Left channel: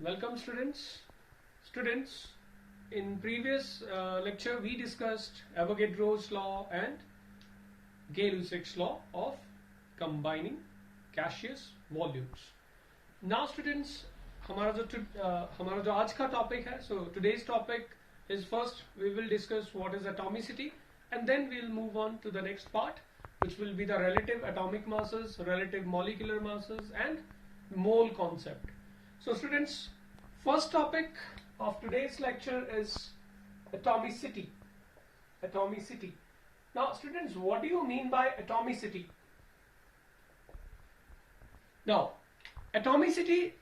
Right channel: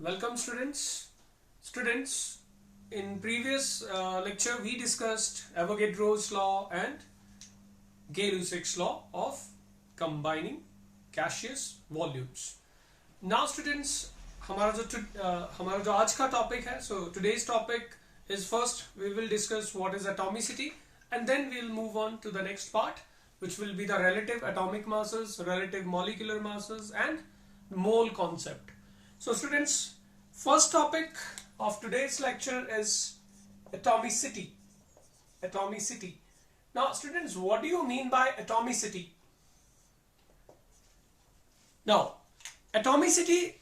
Welcome students. Students, in previous lecture we discussed Avogadro's law and Gay-Lussac's law of combining gaseous volumes. Now students, हमारा जो आज का topic है, so today's topic is first we will discuss what is atomicity and then we will move on to the next part, which will be the relative atomic masses, relative molecular masses and mole concept. So students, first topic of today's lecture is atomicity. Atomicity. Now students, what do you mean by atomicity? Now, atomicity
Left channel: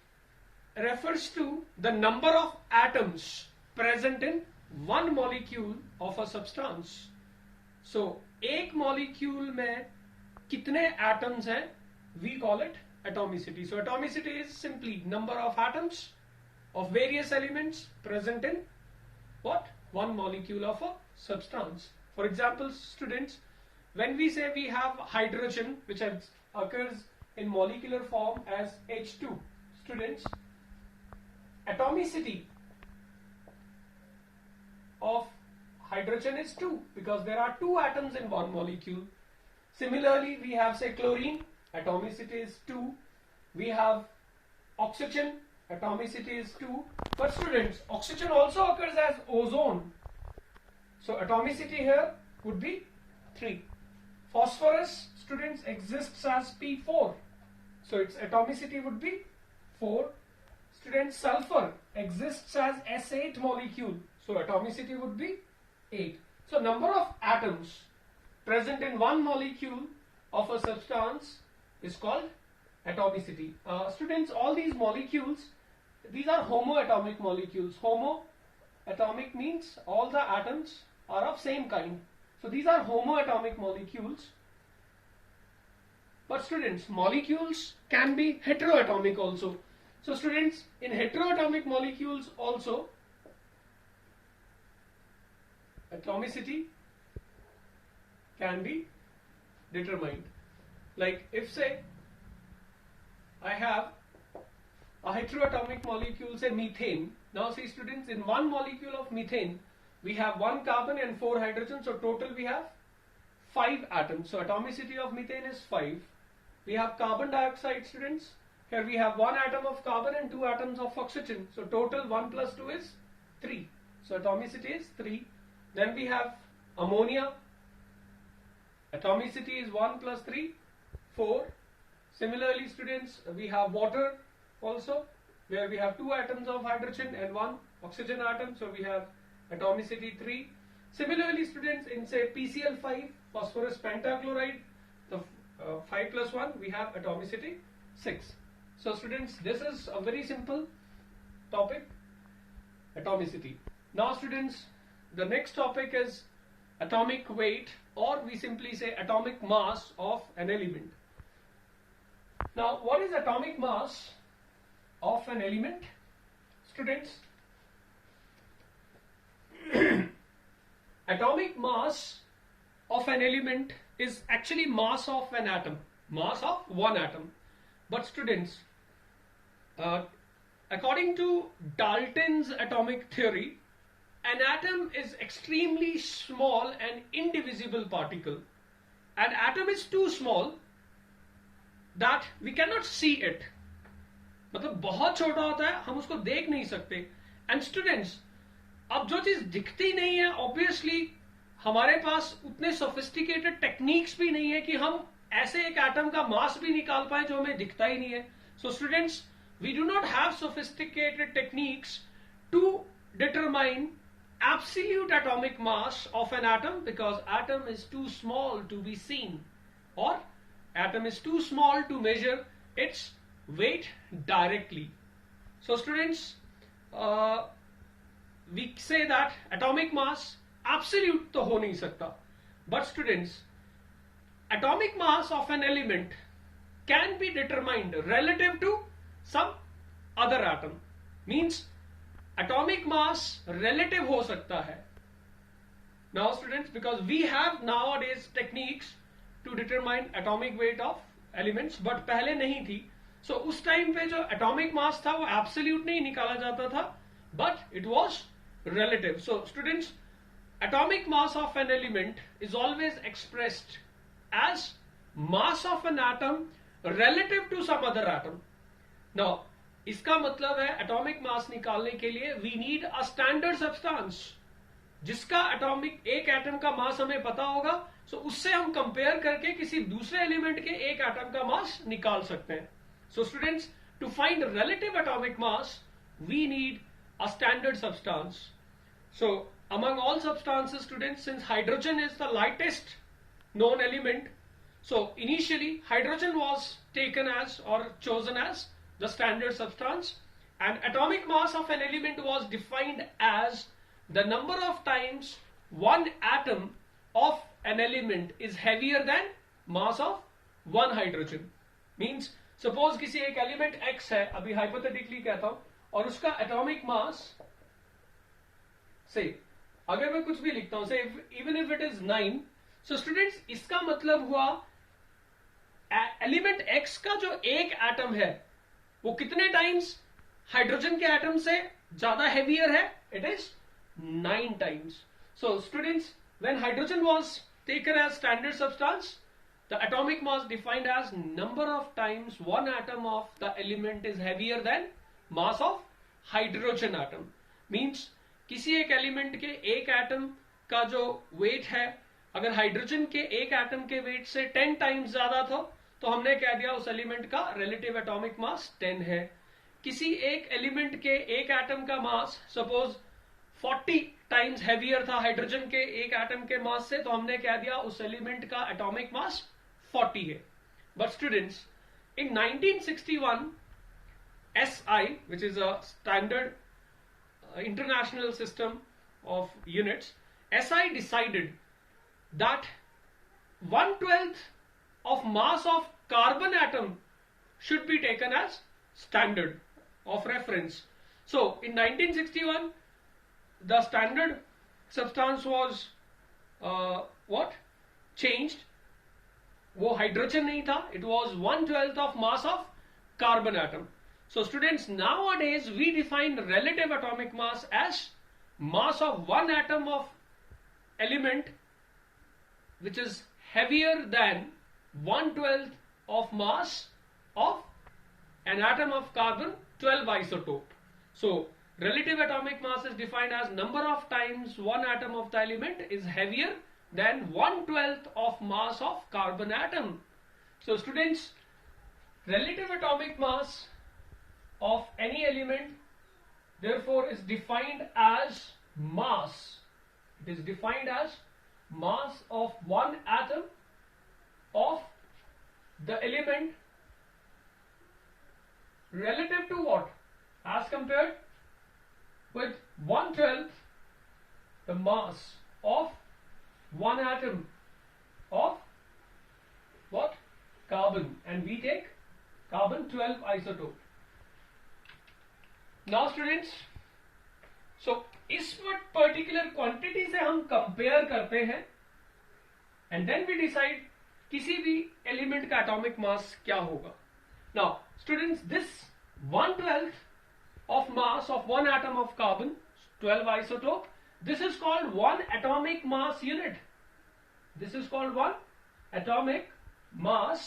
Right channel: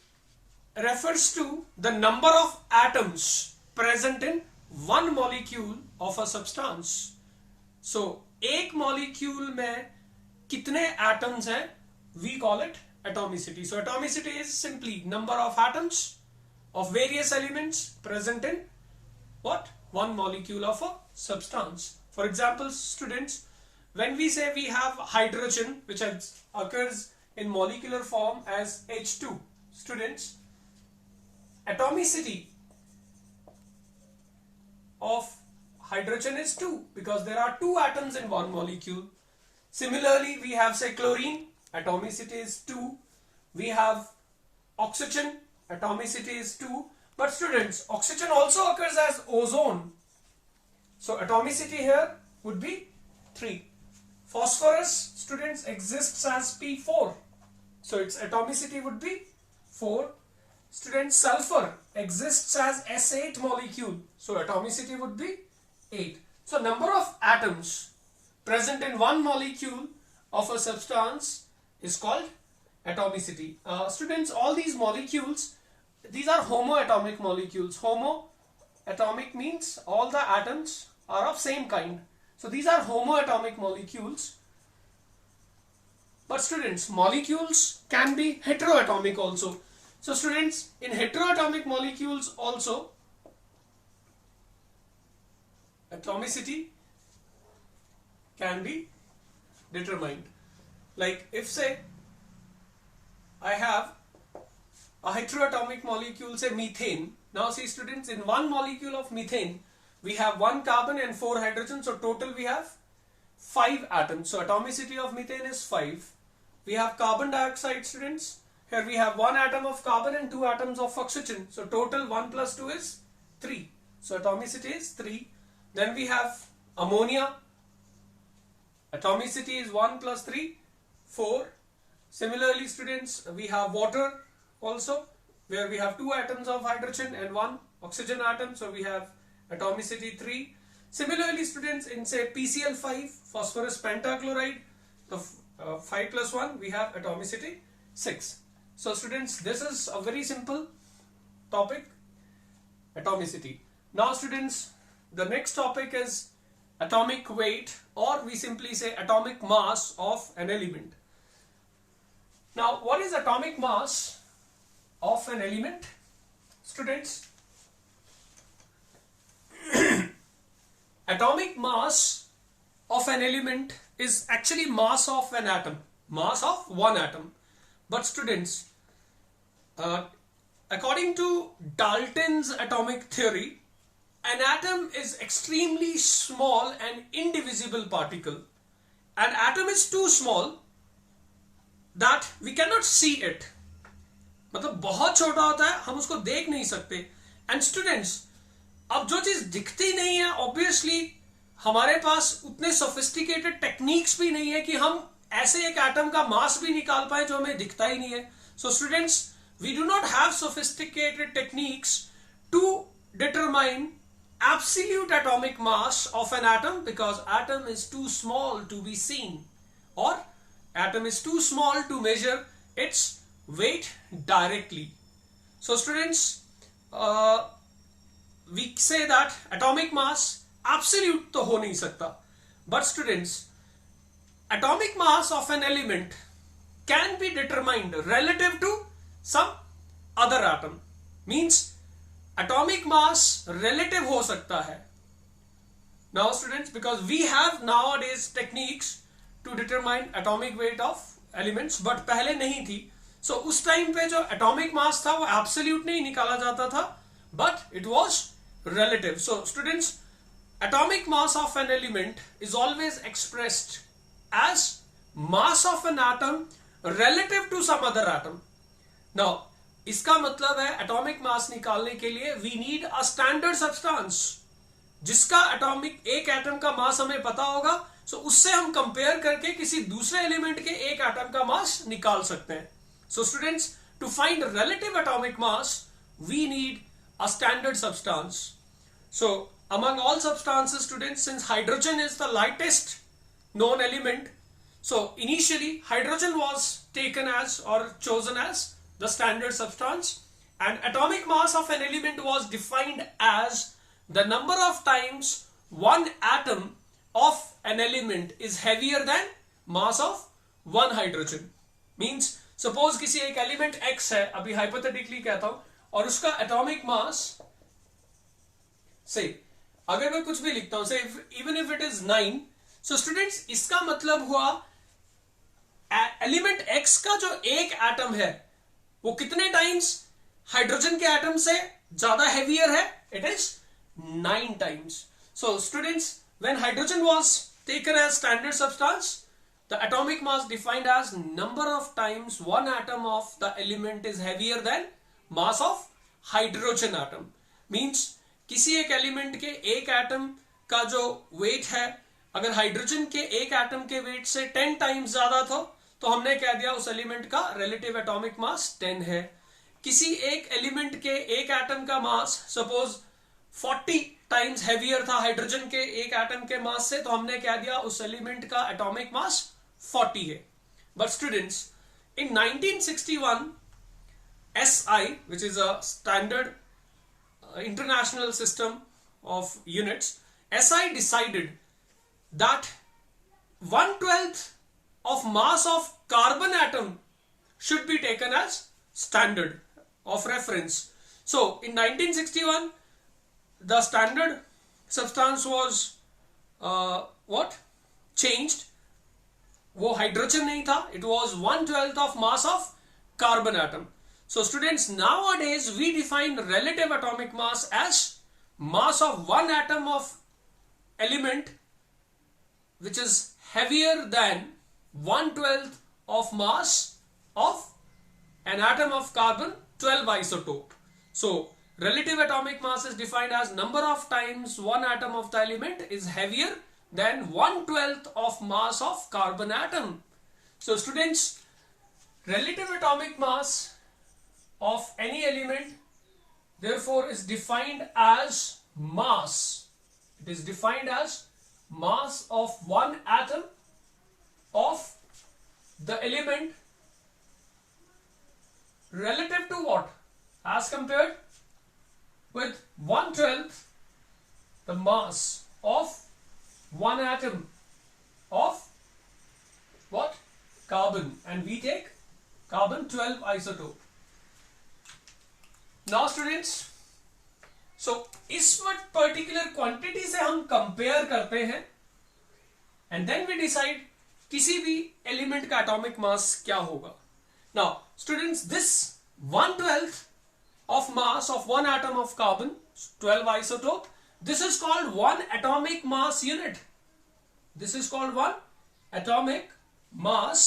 refers to the number of atoms present in one molecule of a substance. So, एक molecule में कितने atoms हैं? We call it atomicity. So, atomicity is simply number of atoms of various elements present in what? One molecule of a substance. For example, students, when we say we have hydrogen, which occurs in molecular form as H2, students, atomicity of hydrogen is 2 because there are 2 atoms in one molecule. Similarly, we have say chlorine, atomicity is 2. We have oxygen, atomicity is 2. But students, oxygen also occurs as ozone. So atomicity here would be 3. Phosphorus, students, exists as P4. So its atomicity would be 4. Students, sulfur exists as S8 molecule. So atomicity would be 8. So number of atoms present in one molecule of a substance is called atomicity. Students, all these molecules, these are homoatomic molecules. Homoatomic means all the atoms are of same kind. So these are homoatomic molecules. But students, molecules can be heteroatomic also. So students, in heteroatomic molecules also, atomicity can be determined. Like if say I have a heteroatomic molecule, say methane. Now see students, in one molecule of methane we have 1 carbon and 4 hydrogen, so total we have 5 atoms. So atomicity of methane is 5. We have carbon dioxide, students. Here we have 1 atom of carbon and 2 atoms of oxygen. So total 1 plus 2 is 3. So atomicity is 3. Then we have ammonia. Atomicity is 1 plus 3, 4. Similarly, students, we have water also, where we have 2 atoms of hydrogen and 1 oxygen atom. So we have atomicity 3. Similarly, students, in say PCl5, phosphorus pentachloride, the 5 plus 1, we have atomicity 6. So students, this is a very simple topic, atomicity. Now students, the next topic is atomic weight, or we simply say atomic mass of an element. Now, what is atomic mass of an element, students? Atomic mass of an element is actually mass of an atom, mass of one atom. But students, according to Dalton's atomic theory, an atom is extremely small and indivisible particle. An atom is too small that we cannot see it. मतलब बहुत छोटा होता है, हम उसको देख नहीं सकते. And students, अब जो चीज दिखती नहीं है, obviously हमारे पास उतने sophisticated techniques भी नहीं है कि हम ऐसे एक एटम का मास भी निकाल पाए जो हमें दिखता ही नहीं है. So students, we do not have sophisticated techniques to determine absolute atomic mass of an atom because atom is too small to be seen, or atom is too small to measure its weight directly. So students, we say that atomic mass absolute तो हो नहीं सकता. But students, atomic mass of an element can be determined relative to some other atom. Means atomic mass relative हो सकता है. Now students, because we have nowadays techniques to determine atomic weight of elements, but पहले नहीं थी. सो उस time पे जो atomic mass था वो एब्सोल्यूट नहीं निकाला जाता था, but it was relative. So students, atomic mass of an element is always expressed as mass of an atom relative to some other atom. Now इसका मतलब है एटॉमिक मास निकालने के लिए we need a standard substance जिसका atomic एक atom का mass हमें पता होगा, सो उससे हम कंपेयर करके किसी दूसरे एलिमेंट के एक एटम का मास निकाल सकते हैं. So students, to find relative atomic mass we need a standard substance. So among all substances, students, since hydrogen is the lightest known element, so initially hydrogen was taken as or chosen as the standard substance, and atomic mass of an element was defined as the number of times one atom of an element is heavier than mass of one hydrogen. Means suppose किसी एक element X है, अभी hypothetically कहता हूं, और उसका atomic mass से अगर मैं कुछ भी लिखता हूं, से even if it is 9, so students इसका मतलब हुआ एलिमेंट एक्स का जो एक एटम है वो कितने टाइम्स हाइड्रोजन के एटम से ज्यादा हेवियर है? It is 9 times. So students, when hydrogen was taken as standard substance, the atomic mass defined as number of times one atom of the element is heavier than mass of hydrogen atom. Means किसी एक element के एक atom का जो wait है, अगर hydrogen के एक एटम के वेट से 10 टाइम्स ज्यादा था तो हमने कह दिया उस एलिमेंट का रिलेटिव एटॉमिक मास 10 है. किसी एक एलिमेंट के एक एटम का मास सपोज 40 टाइम्स हैवियर था हाइड्रोजन के एक एटम के मास से, तो हमने कह दिया उस एलिमेंट का एटॉमिक मास 40 है. But students, in 1961 SI, which is a standard international system of units, SI decided that 1/12 of mass of carbon atom should be taken as standard of reference. So in 1961 the standard substance was changed. वो hydrogen नहीं था, it was 1/12 of mass of carbon atom. So students, nowadays we define relative atomic mass as mass of one atom of element which is heavier than 1/12 of mass of an atom of carbon 12 isotope. So relative atomic mass is defined as number of times one atom of the element is heavier than 1/12 of mass of carbon atom. So students, relative atomic mass of any element therefore is defined as mass. It is defined as mass of one atom of the element relative to what? As compared with 1/12 the mass of one atom of what? Carbon, and we take carbon 12 isotope. Now students, so इस particular quantity से हम compare करते हैं and then we decide किसी भी element का atomic mass क्या होगा. Now students, this 1/12 of mass of one atom of carbon 12 isotope, this is called one atomic mass unit. This is called one atomic mass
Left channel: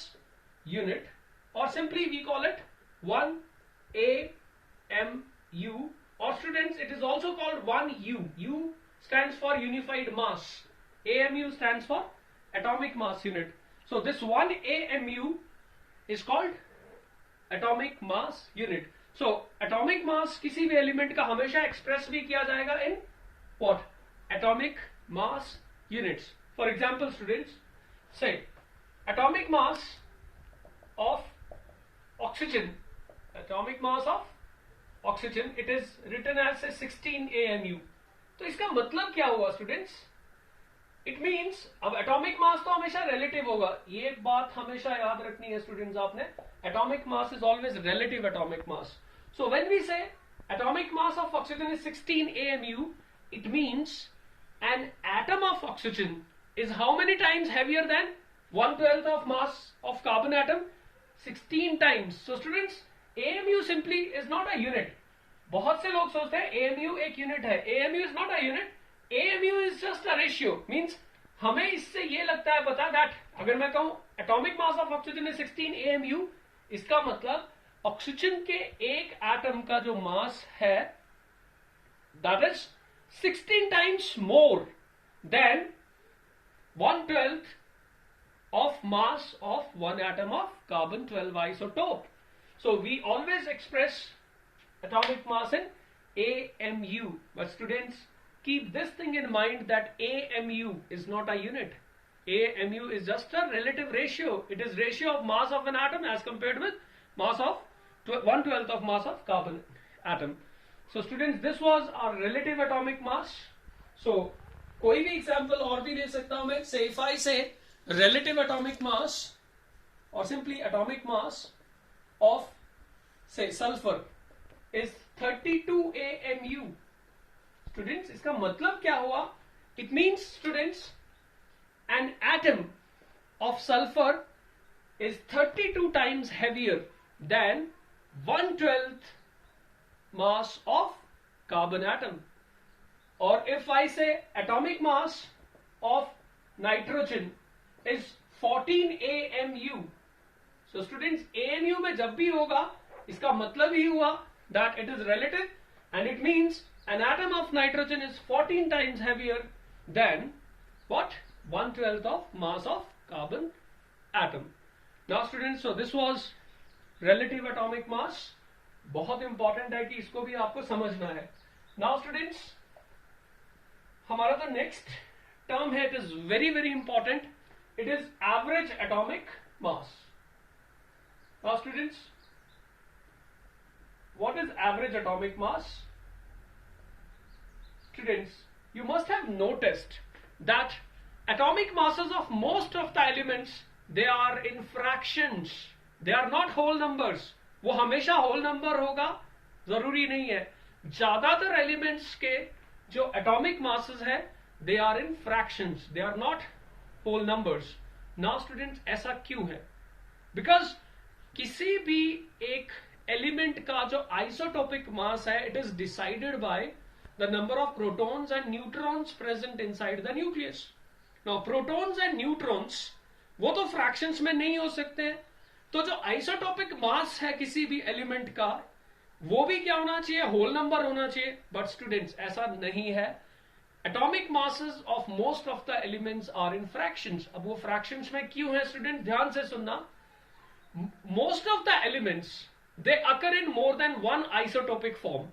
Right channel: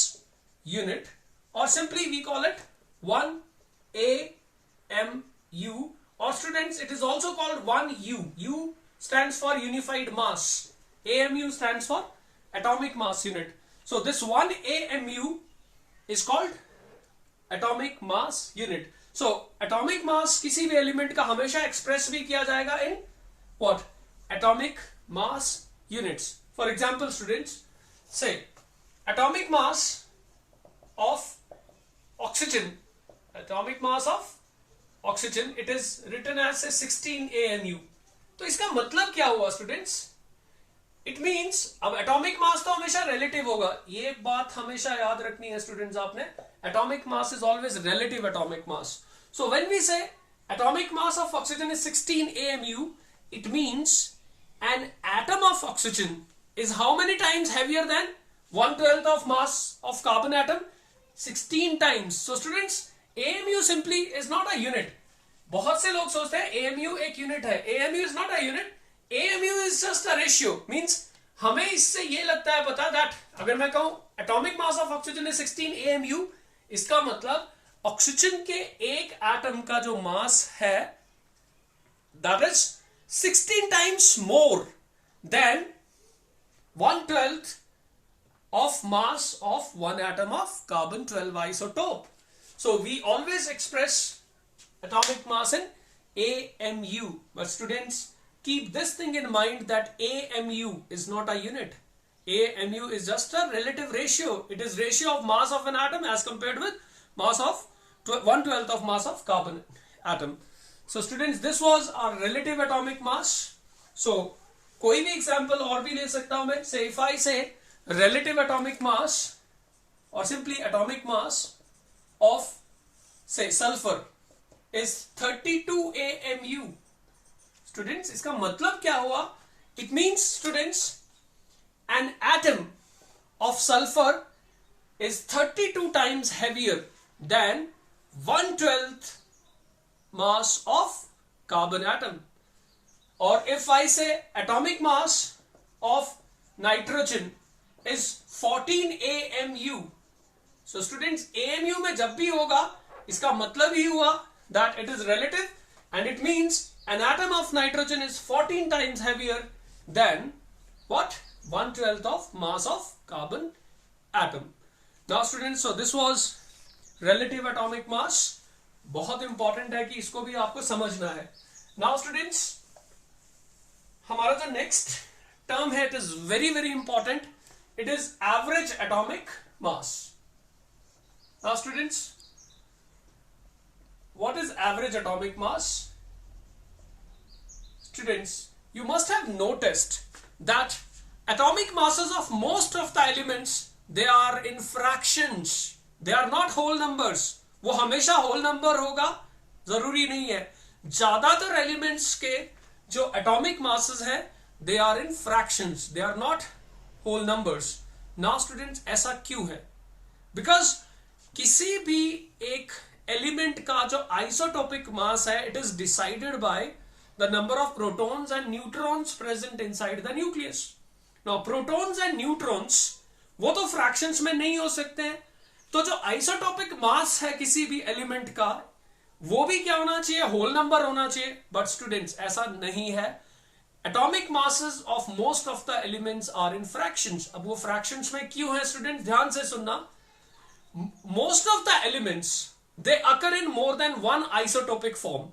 unit, or simply we call it 1 AMU, or students it is also called 1 U. U stands for unified mass. AMU stands for atomic mass unit. So this 1 AMU is called atomic mass unit. So atomic mass किसी भी element का हमेशा express भी किया जाएगा in what? Atomic mass units. For example, students, say atomic mass of oxygen. Atomic mass of oxygen, it is written as 16 AMU. तो इसका मतलब क्या हुआ स्टूडेंट्स? इट मीन्स अब एटॉमिक मास तो हमेशा रिलेटिव होगा, ये बात हमेशा याद रखनी है स्टूडेंट्स आपने. Atomic mass is always relative atomic mass. So when we say atomic mass of oxygen is 16 AMU, it means an atom of oxygen is how many times heavier than 1/12 of mass of carbon atom? 16 times. So students, AMU simply is not a unit. बहुत से लोग सोचते हैं AMU एक unit है. AMU is not a unit. AMU is just a ratio. Means हमें इससे ये लगता है पता that अगर मैं कहूं atomic mass of oxygen is 16 AMU, इसका मतलब ऑक्सीजन के एक एटम का जो मास है that is 16 times more than 1/12 of mass of one atom of carbon 12 isotope. So we always express atomic mass in AMU. But students, keep this thing in mind that AMU is not a unit. AMU is just a relative ratio. It is ratio of mass of an atom as compared with mass of 1/12 of mass of carbon atom. So students, this was our relative atomic mass. So कोई भी example और भी ले सकता हूं मैं. Say if I say relative atomic mass or simply atomic mass of say sulfur is 32 AMU. Students, इसका मतलब क्या हुआ? It means students, an atom of sulfur is 32 times heavier than 1/12 mass of carbon atom. Or if I say atomic mass of nitrogen is 14 AMU. So students, AMU में जब भी होगा इसका मतलब ही हुआ that it is relative, and it means an atom of nitrogen is 14 times heavier than what? 1/12 of mass of carbon atom. Now students, so this was relative atomic mass. बहुत important है कि इसको भी आपको समझना है. Now students, हमारा जो नेक्स्ट टर्म है, it is very very important. It is average atomic mass. Now students, what is average atomic mass? Students, you must have noticed that atomic masses of most of the elements, they are in fractions. They are not whole numbers. वो हमेशा whole number होगा जरूरी नहीं है. ज्यादातर elements के जो atomic masses है, they are in fractions. They are not whole numbers. Now students, ऐसा क्यों है? Because किसी भी एक एलिमेंट का जो आइसोटोपिक मास है, it is decided by the number of protons and neutrons present inside the nucleus. Now protons and neutrons वो तो फ्रैक्शंस में नहीं हो सकते हैं. तो जो आइसोटोपिक मास है किसी भी एलिमेंट का, वो भी क्या होना चाहिए? होल नंबर होना चाहिए. बट स्टूडेंट्स, ऐसा नहीं है. Atomic masses of most of the elements are in fractions. अब वो फ्रैक्शंस में क्यों है स्टूडेंट? ध्यान से सुनना. Most of the elements they occur in more than one isotopic form.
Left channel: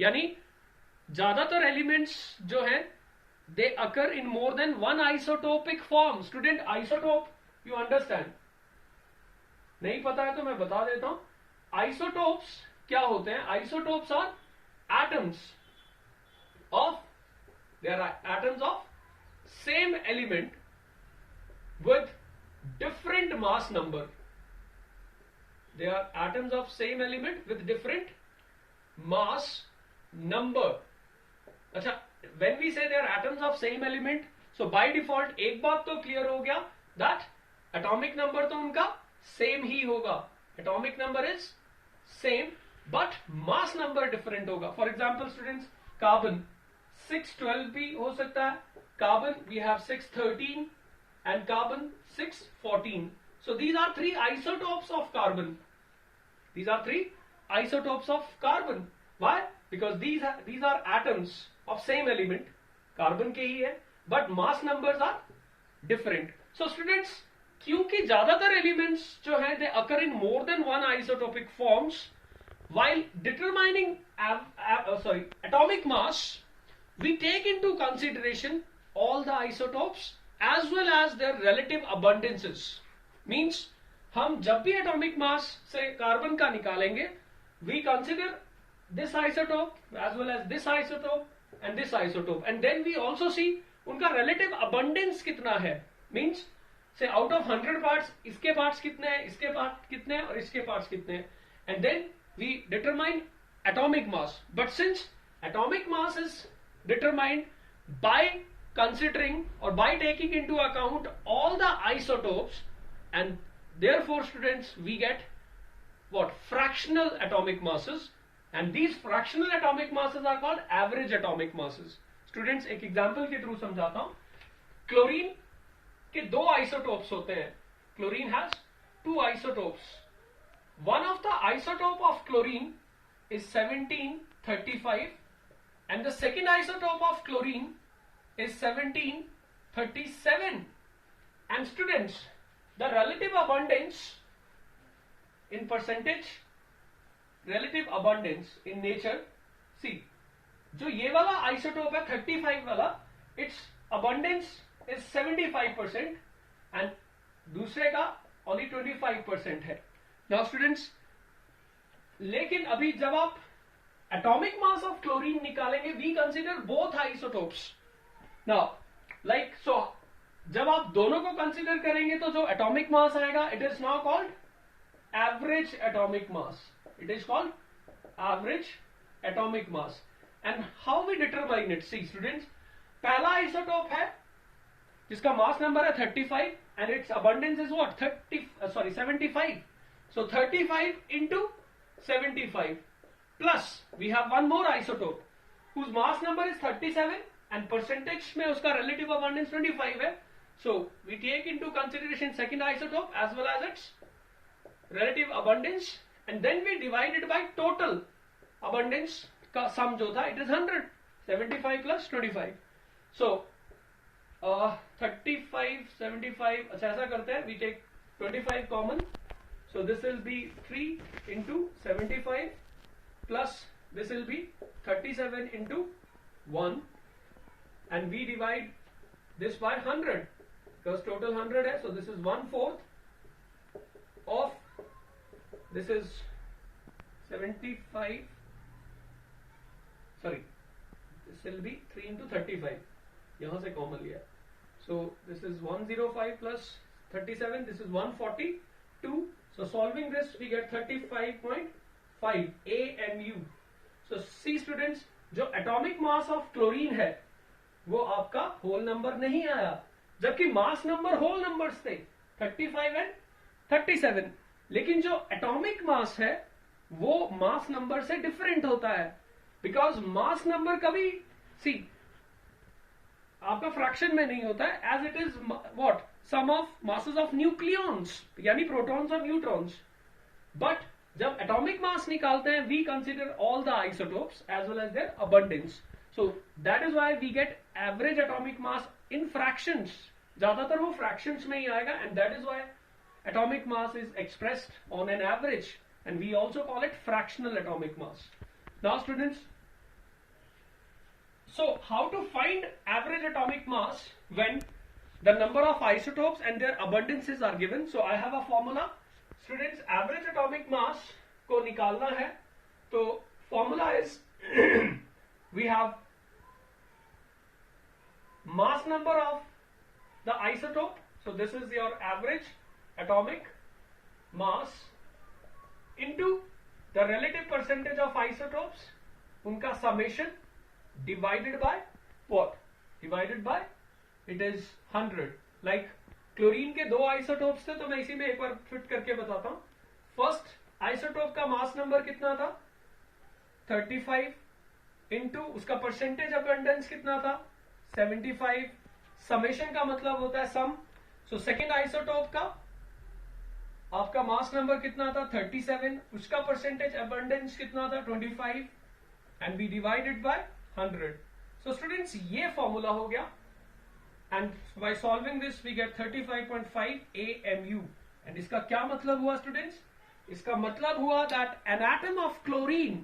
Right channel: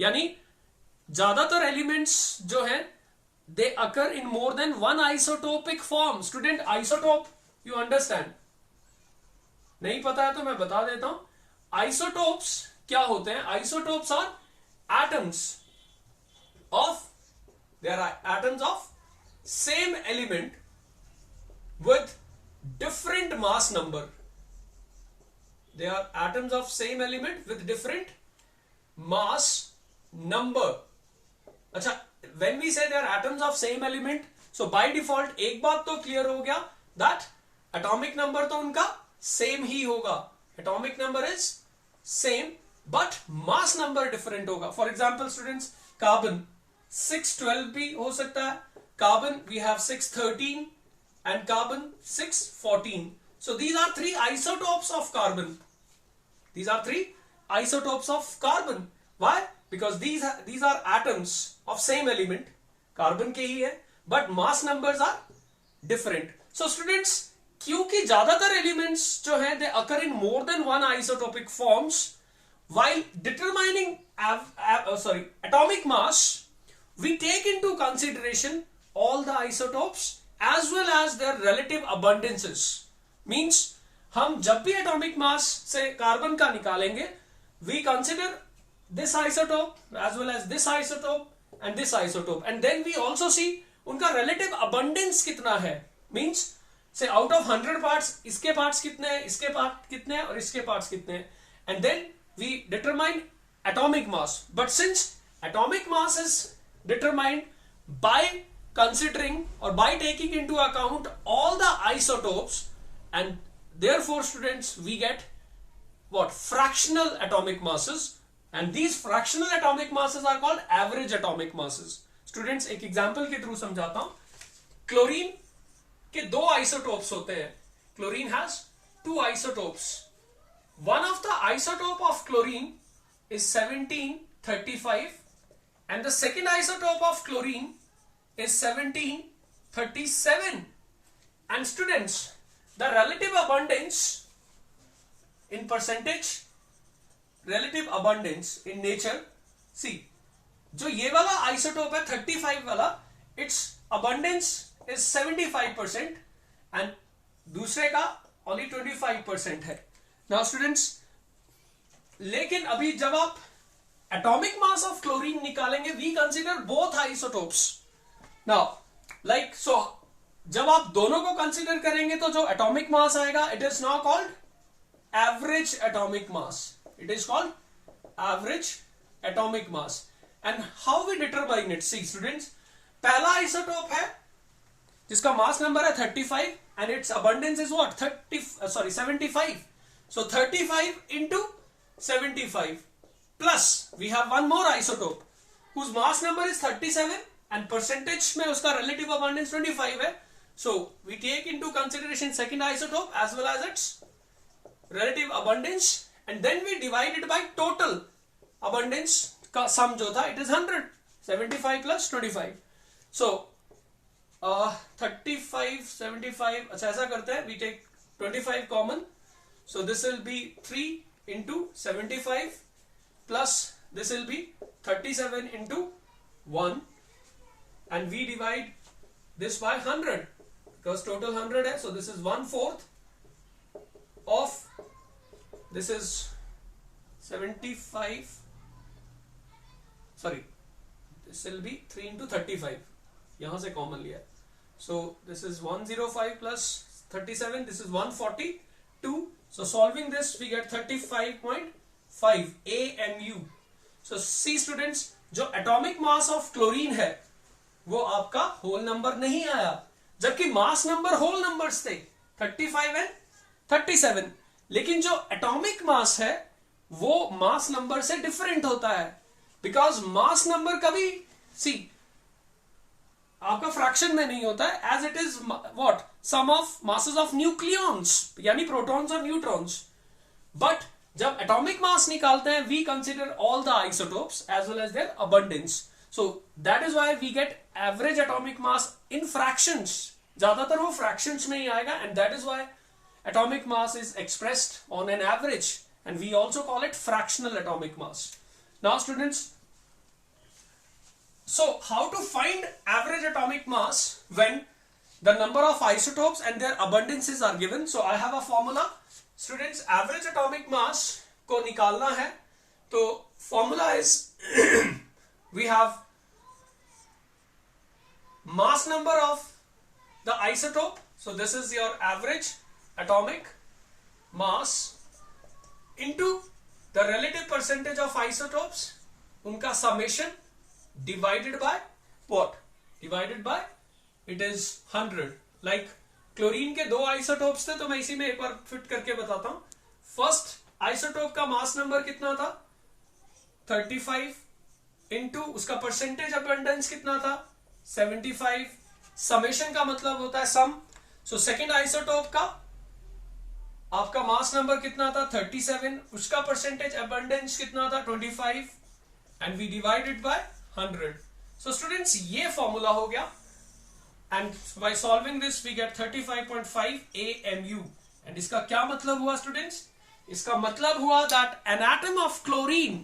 यानी ज्यादातर एलिमेंट्स जो है, they occur in more than one isotopic form. Student, isotope you understand? नहीं पता है तो मैं बता देता हूं. Isotopes क्या होते हैं? Isotopes are atoms of, there are atoms of same element with different mass number. They are atoms of same element with different mass number. अच्छा, when we say they are atoms of same element, so by default एक बात तो clear हो गया that atomic number तो उनका same ही होगा. Atomic number is same but mass number different होगा. For example students, carbon 612 भी हो सकता है. Carbon we have 613 and carbon 614. So these are three isotopes of carbon. These are three isotopes of carbon. Why? Because these are atoms of same element, carbon के ही है, but mass numbers are different. So students, क्योंकि ज्यादातर elements जो हैं they occur in more than one isotopic forms, while determining atomic mass, we take into consideration all the isotopes as well as their relative abundances. Means हम जब भी atomic mass से carbon का निकालेंगे, we consider this isotope as well as this isotope and this isotope, and then we also see उनका relative abundance कितना है. Means say out of 100 parts इसके parts कितने हैं, इसके parts कितने हैं और इसके parts कितने हैं, and then we determine atomic mass. But since atomic mass is determined by considering or by taking into account all the isotopes, and Therefore, students, we get what? Fractional atomic masses, and these fractional atomic masses are called average atomic masses. Students, एक example के through समझाता हूं. Chlorine के दो isotopes होते हैं. Chlorine has two isotopes. One of the isotope of chlorine is 1735 and the second isotope of chlorine is 1737. And students, the relative abundance in percentage, relative abundance in nature, see, जो ये वाला isotope है 35 वाला, its abundance is 75% and दूसरे का only 25% है. Now students, लेकिन अभी जब आप atomic mass of chlorine निकालेंगे, we consider both isotopes. Now, like so, जब आप दोनों को कंसीडर करेंगे तो जो atomic mass आएगा, it is now called average atomic mass. It is called average atomic mass. And how we determine it? See students, पहला isotope है जिसका mass number है 35 and its abundance is what? 75. So 35 into 75 plus we have one more isotope whose mass number is 37 and percentage में उसका relative abundance 25 है. So we take into consideration second isotope as well as its relative abundance and then we divide it by total abundance का sum जो था, it is 100. 75 plus 25. So 35, 75, अच्छा ऐसा करते हैं, we take 25 common. So this will be 3 into 75 plus this will be 37 into 1 and we divide this by 100 because total 100 hai, so this is 1/4 of this is 75, sorry, this will be 3 into 35, yahan se common liya, so this is 105 plus 37, this is 142. So solving this we get 35.5 AMU. So see students, जो atomic mass of chlorine है वो आपका whole number नहीं आया, जबकि mass number whole numbers थे 35 and 37. लेकिन जो atomic mass है वो mass number से different होता है, because mass number कभी see आपका फ्रैक्शन में नहीं होता है, as it is what? Sum of masses of nucleons, यानी protons और neutrons. But जब atomic mass निकालते हैं, we consider all the isotopes as well as their abundance. So that is why we get average atomic mass in fractions. ज्यादातर वो fractions में ही आएगा, and that is why atomic mass is expressed on an average, and we also call it fractional atomic mass. Now students, so how to find average atomic mass when the number of isotopes and their abundances are given? So I have a formula. Students, average atomic mass को निकालना है, तो formula is we have mass number of the isotope, so this is your average atomic mass into the relative percentage of isotopes, उनका summation divided by what? Divided by, it is 100. Like chlorine के दो isotopes थे, तो मैं इसी में एक बार fit करके बताता हूं. फर्स्ट आइसोटोप का मास नंबर कितना था? 35 इंटू उसका परसेंटेज अबंडेंस कितना था? 75. समेशन का मतलब होता है सम. सो सेकेंड आइसोटोप का आपका मास नंबर कितना था? 37. उसका परसेंटेज अबंडेंस कितना था? 25. And we divided by 100. So students, ये फॉर्मूला हो गया. And by solving this we get 35.5 AMU. And इसका क्या मतलब हुआ students? इसका मतलब हुआ that an atom of chlorine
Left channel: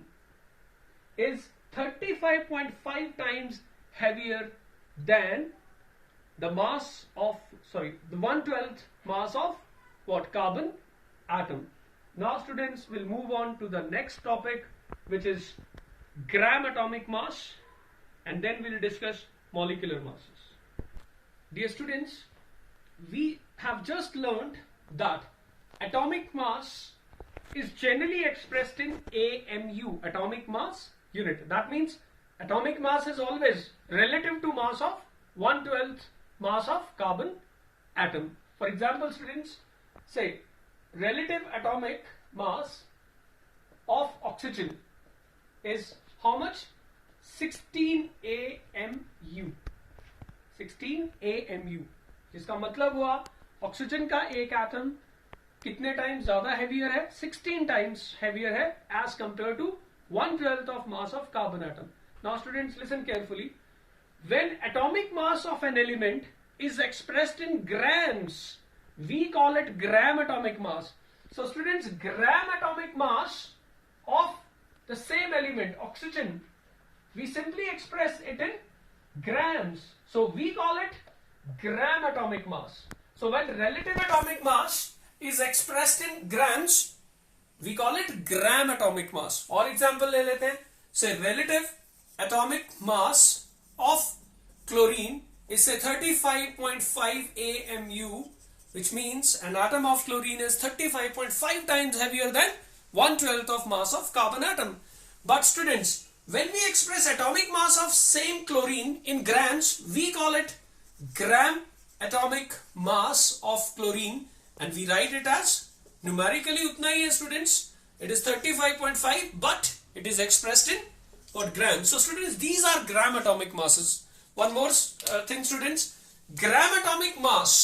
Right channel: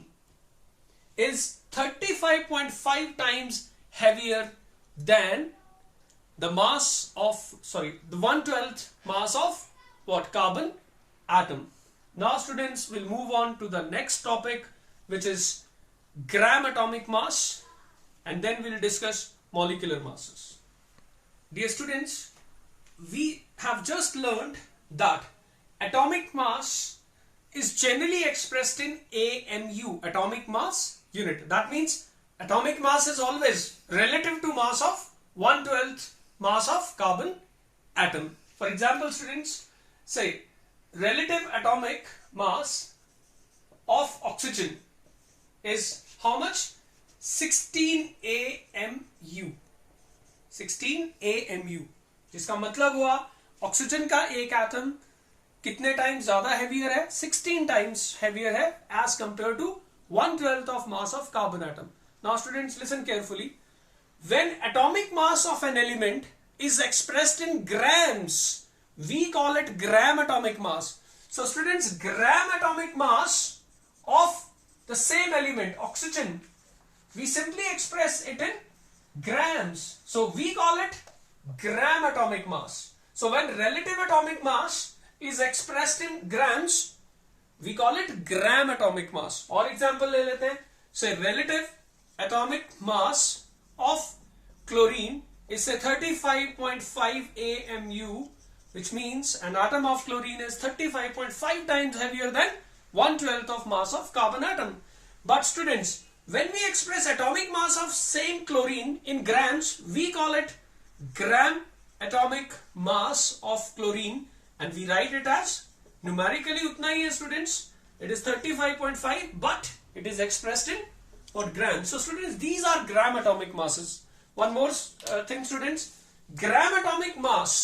is 35.5 times heavier than the mass of, sorry, the 1/12 mass of what? Carbon atom. Now students, we'll move on to the next topic, which is gram atomic mass, and then we'll discuss molecular masses. Dear students, we have just learned that atomic mass is generally expressed in AMU, atomic mass unit. That means atomic mass is always relative to mass of 1/12 mass of carbon atom. For example, students, say relative atomic mass of oxygen is how much? 16 AMU. 16 AMU, जिसका मतलब हुआ oxygen का एक atom कितने times ज्यादा heavier है? 16 times heavier है as compare to 1/12 of mass of carbon atom. Now students, listen carefully. When atomic mass of an element is expressed in grams, we call it gram atomic mass. So students, gram atomic mass of the same element, oxygen, we simply express it in grams. So we call it gram atomic mass. So when relative atomic mass is expressed in grams, we call it gram atomic mass. और example ले लेते हैं. Say relative atomic mass of chlorine is say 35.5 AMU, which means an atom of chlorine is 35.5 times heavier than 1/12 of mass of carbon atom. But students, when we express atomic mass of same chlorine in grams, we call it gram atomic mass of chlorine, and we write it as numerically उतना ही है students. It is 35.5, but it is expressed in what? Grams. So students, these are gram atomic masses. One more thing students, gram atomic mass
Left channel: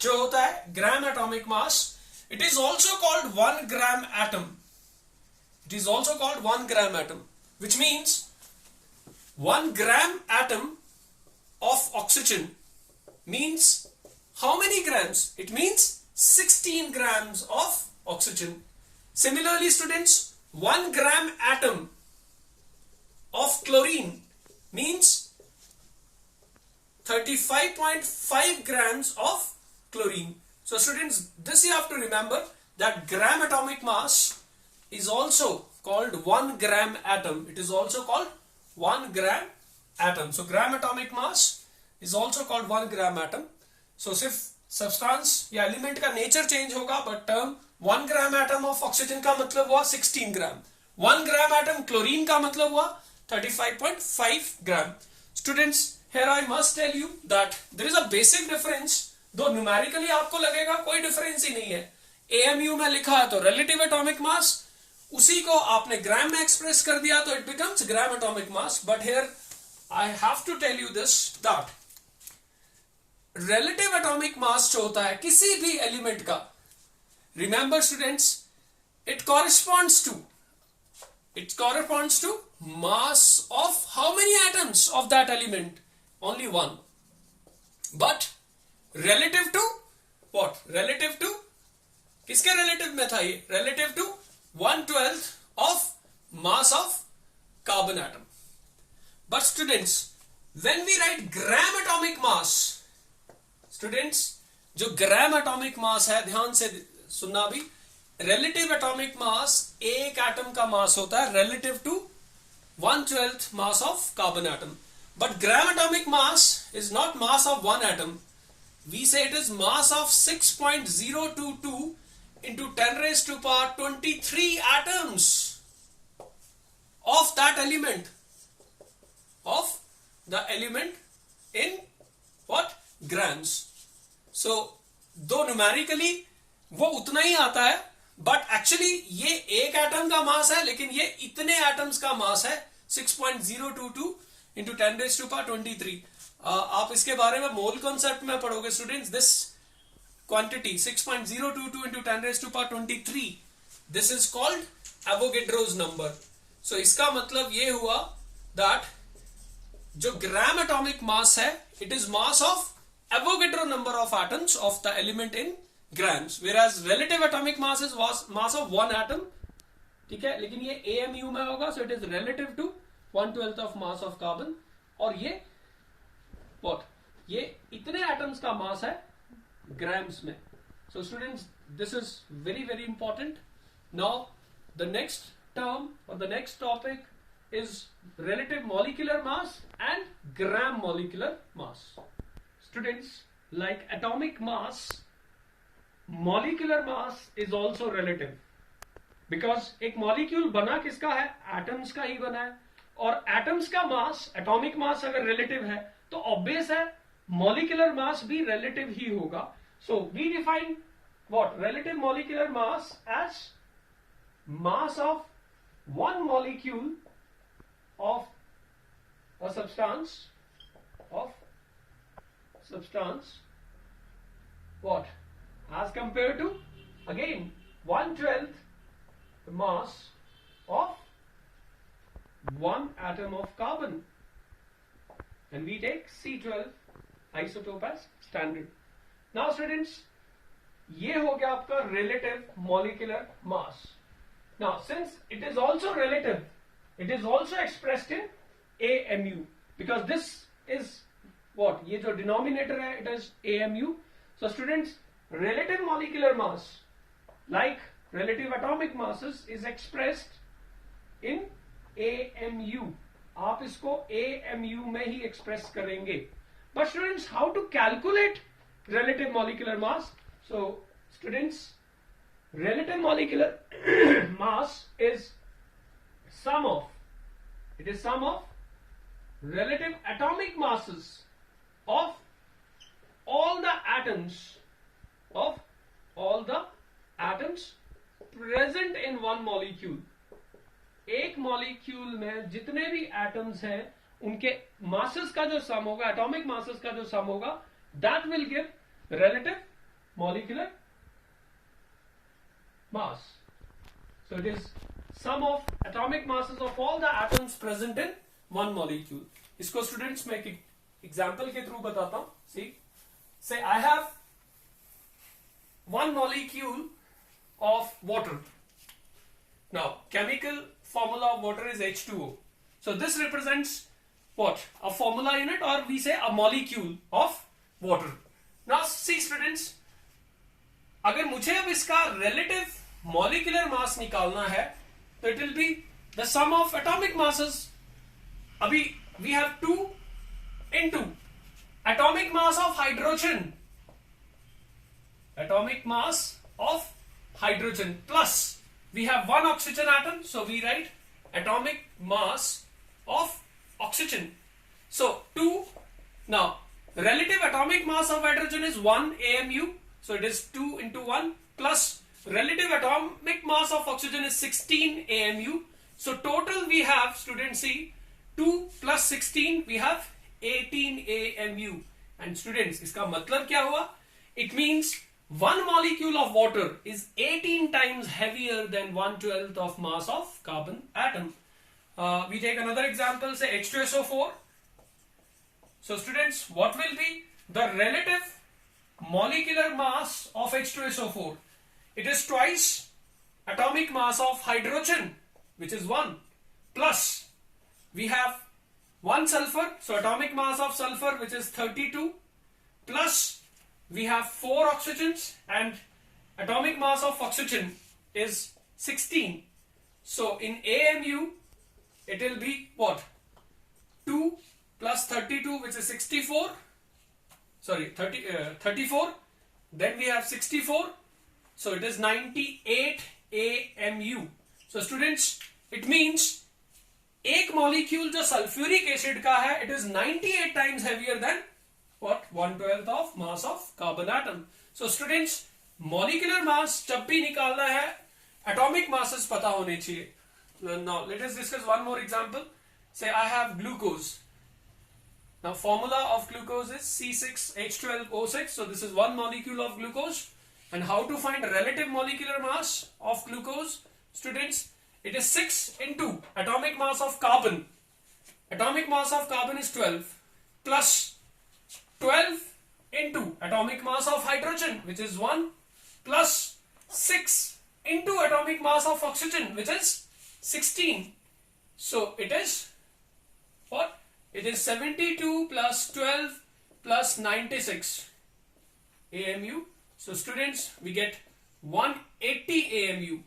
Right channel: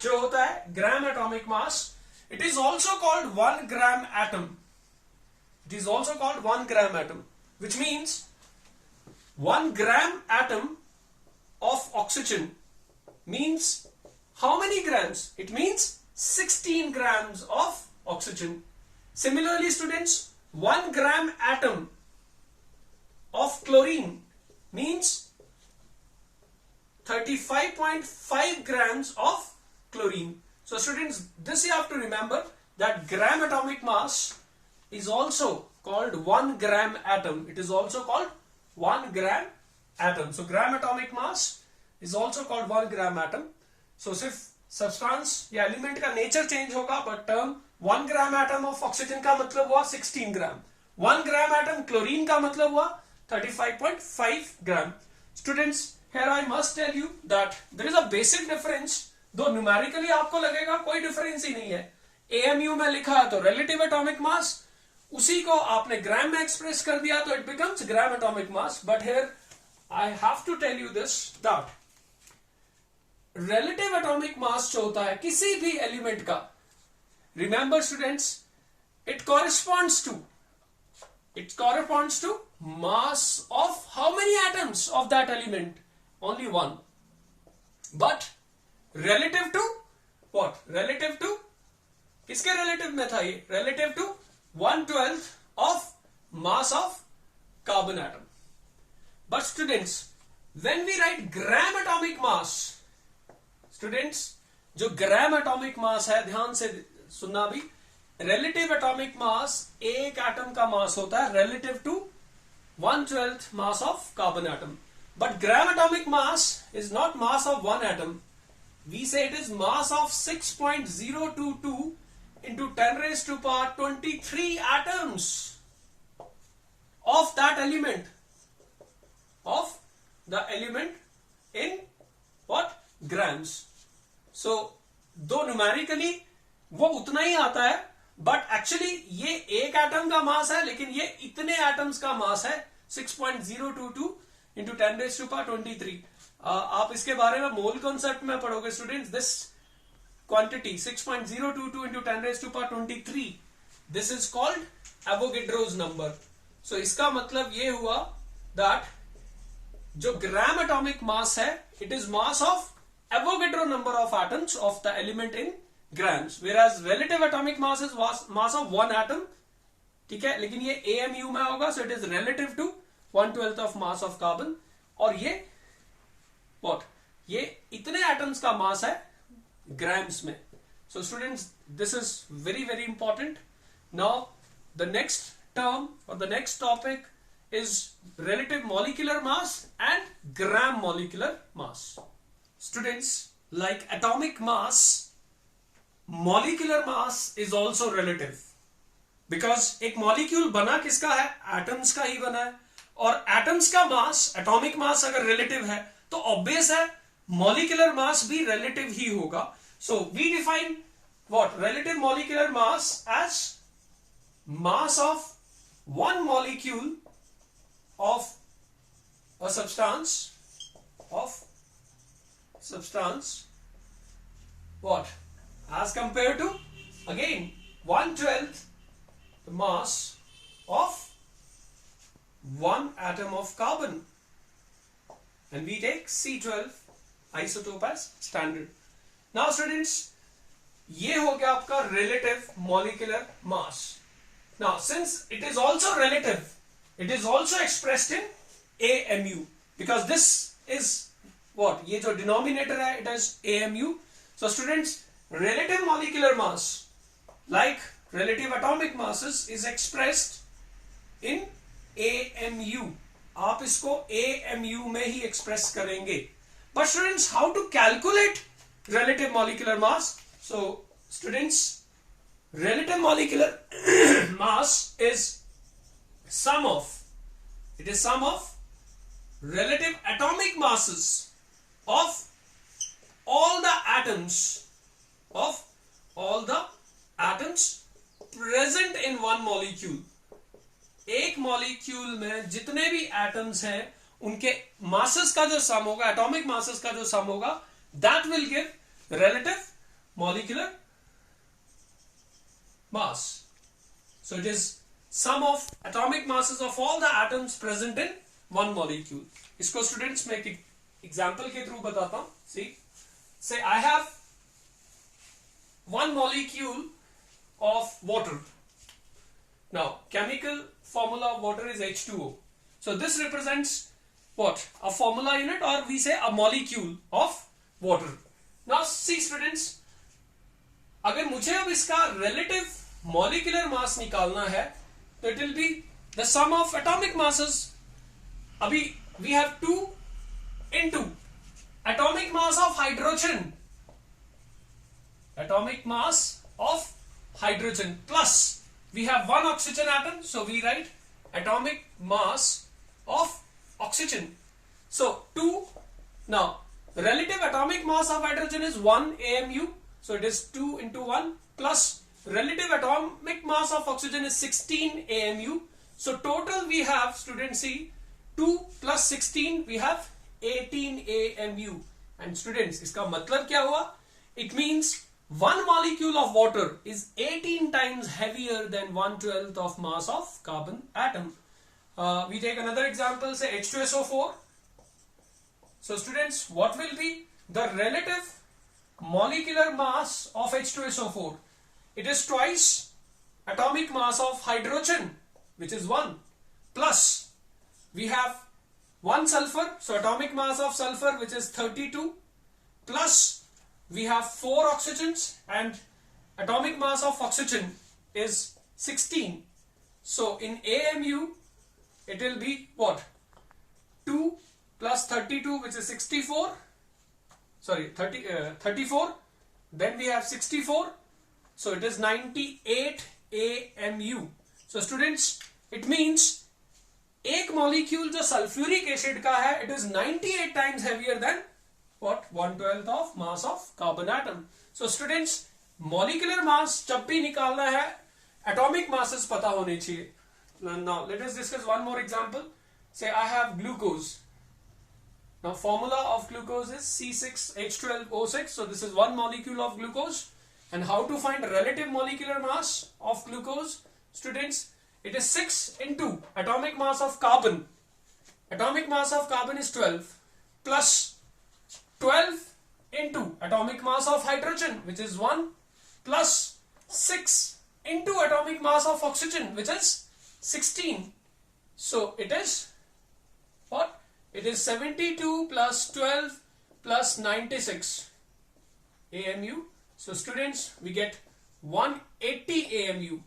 जो होता है gram atomic mass, it is also called 1 gram atom. It is also called 1 gram atom, which means 1 gram atom of oxygen means how many grams? It means 16 grams of oxygen. Similarly students, 1 gram atom of chlorine means 35.5 grams of chlorine. So students, this you have to remember, that gram atomic mass is also called 1 gram atom. It is also called 1 gram atom. So gram atomic mass is also called 1 gram atom. So सिर्फ substance या element का nature change होगा, but term 1 gram atom of oxygen का मतलब हुआ 16 ग्राम, 1 gram atom chlorine का मतलब हुआ 35.5 gram. Students, here I must tell you that there is a basic difference, दो न्यूमेरिकली आपको लगेगा कोई डिफरेंस ही नहीं है. AMU में लिखा है तो रिलेटिव एटॉमिक मास, उसी को आपने ग्राम में एक्सप्रेस कर दिया तो it becomes gram atomic mass. But here I have to tell you this that relative atomic mass जो होता है किसी भी एलिमेंट का, remember students, it corresponds to mass of how many atoms of that element? Only one. But relative to what? Relative to किसके relative में था ये? Relative to 1/12 of mass of carbon atom. But students, when we write gram atomic mass, students जो ग्राम atomic मास है, ध्यान से सुनना भी, रिलेटिव एटॉमिक मास एक एटम का मास होता है relative to 1/12 mass of carbon atom. But gram atomic mass is not mass of one atom. We say it is mass of 6.022 into 10 raised to power 23 atoms of that element, of the element in what? Grams. So दो numerically वो उतना ही आता है, but actually ये एक atom का मास है, लेकिन ये इतने एटम्स का मास है 6.022 into 10 raised to power 23. आप इसके बारे में मोल कॉन्सेप्ट में पढ़ोगे students. This quantity 6.022 into 10 raised to power 23, this is called Avogadro's number. So इसका मतलब ये हुआ that जो ग्राम एटॉमिक मास है, it is mass of Avogadro number of atoms of the element in grams, whereas relative atomic mass is mass of one atom. ठीक है, लेकिन ये AMU में होगा, so it is relative to 1/12 of mass of carbon. और ये what? ये इतने एटम्स का मास है grams में. So students, this is very very important. Now the next term or the next topic is relative molecular mass and gram molecular mass. Students, like atomic mass, molecular mass is also relative, because एक molecule बना किसका है? atoms का ही बना है. और atoms का mass, atomic mass अगर relative है तो obvious है molecular mass भी relative ही होगा. So we define what? Relative molecular mass as mass of one molecule of a substance, what? As compared to, again, 1/12 the mass of one atom of carbon, and we take C12 isotope as standard. Now students, ये हो गया आपका relative molecular mass. Now since it is also relative, it is also expressed in AMU, because this is what? ये जो denominator है, it is AMU. So students, relative molecular mass like relative atomic masses is expressed in AMU. आप इसको AMU में ही express करेंगे. But students, how to calculate relative molecular mass? So students, relative molecular mass is sum of relative atomic masses of all the atoms present in one molecule. एक molecule में जितने भी atoms हैं उनके masses का जो सम होगा, एटॉमिक मासेस का जो सम होगा, that will give relative molecular mass. So it is sum of atomic masses of all the atoms present in one molecule. इसको स्टूडेंट्स मैं एक एग्जांपल के थ्रू बताता हूं. See, say I have one molecule of water. Now chemical formula of water is H2O. So this represents what? A formula unit, or we say a molecule of water. Now see students, अगर मुझे अब इसका relative molecular mass निकालना है तो it will be the sum of atomic masses. अभी we have 2 into atomic mass of hydrogen, plus we have one oxygen atom, so we write atomic mass of oxygen. So 2, now relative atomic mass of hydrogen is 1 AMU, so it is 2 into 1, plus relative atomic mass of oxygen is 16 AMU. So total we have, students, see, 2 plus 16 we have 18 AMU. And students, इसका मतलब क्या हुआ? It means one molecule of water is 18 times heavier than 1/12 of mass of carbon atom. We take another example, say H2SO4. So students, what will be the relative molecular mass of H2SO4? It is twice atomic mass of hydrogen, which is 1, plus we have 1 sulfur, so atomic mass of sulfur, which is 32, plus we have 4 oxygens, and atomic mass of oxygen is 16. So in AMU it will be what? 2 plus 32, which is 64, 34, then we have 64, so it is 98 AMU. So students, it means एक molecule जो sulphuric acid का है, it is 98 times heavier than what? 1/12 of mass of carbon atom. So students, molecular mass जब भी निकालना है, atomic masses पता होने चाहिए. Now let us discuss one more example. Say I have glucose. Now formula of glucose is C6H12O6. So this is one molecule of glucose. And how to find relative molecular mass of glucose? Students, it is 6 into atomic mass of carbon. Atomic mass of carbon is 12, plus 12 into atomic mass of hydrogen, which is 1, plus 6 into atomic mass of oxygen, which is 16. So it is what? It is 72 plus 12 plus 96 AMU. So students, we get 180 AMU.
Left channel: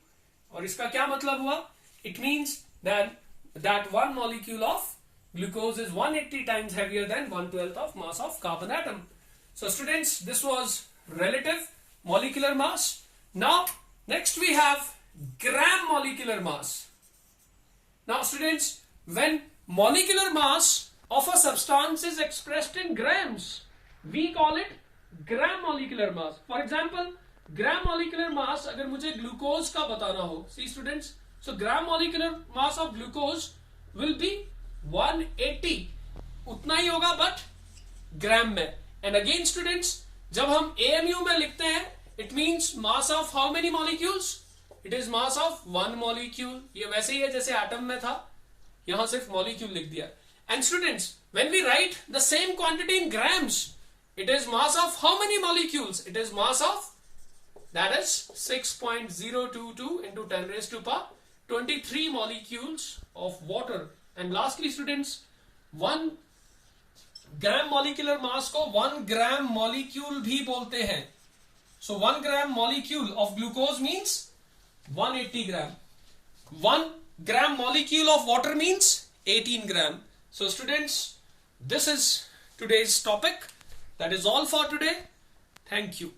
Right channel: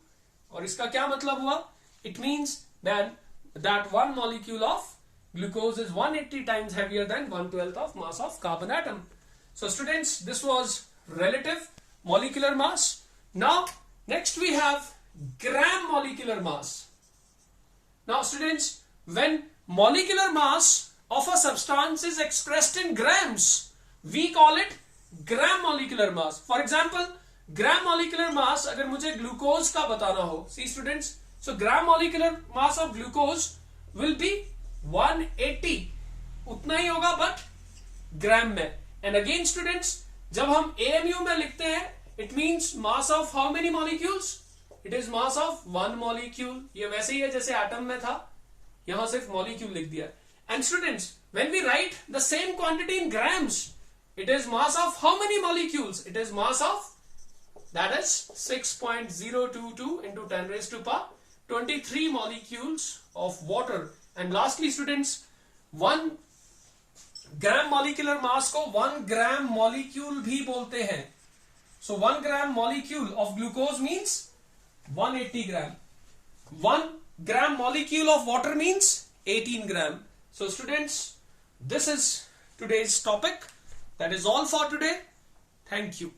और इसका क्या मतलब हुआ? It means that one molecule of glucose is 180 times heavier than 1/12 of mass of carbon atom. So students, this was relative molecular mass. Now next we have gram molecular mass. Now students, when molecular mass of a substance is expressed in grams, we call it gram molecular mass. For example, gram molecular mass अगर मुझे glucose का बताना हो, see students, so gram molecular mass of glucose will be 180, उतना ही होगा but ग्राम में. And again students, जब हम एएमयू में लिखते हैं, it means mass of how many molecules, it is mass of one molecule. ये वैसे ही है जैसे एटम में था, यहां सिर्फ मॉलिक्यूल लिख दिया. And students, when we write the same quantity in grams, it is mass of how many molecules? It is mass of, that is 6.022 into 10 raised to power 23 molecules of water. And lastly students, 1 gram molecular mass को 1 gram molecule भी बोलते हैं. So 1 gram molecule of glucose means 180 gram. 1 gram molecule of water means 18 gram. So students, this is today's topic. That is all for today. Thank you.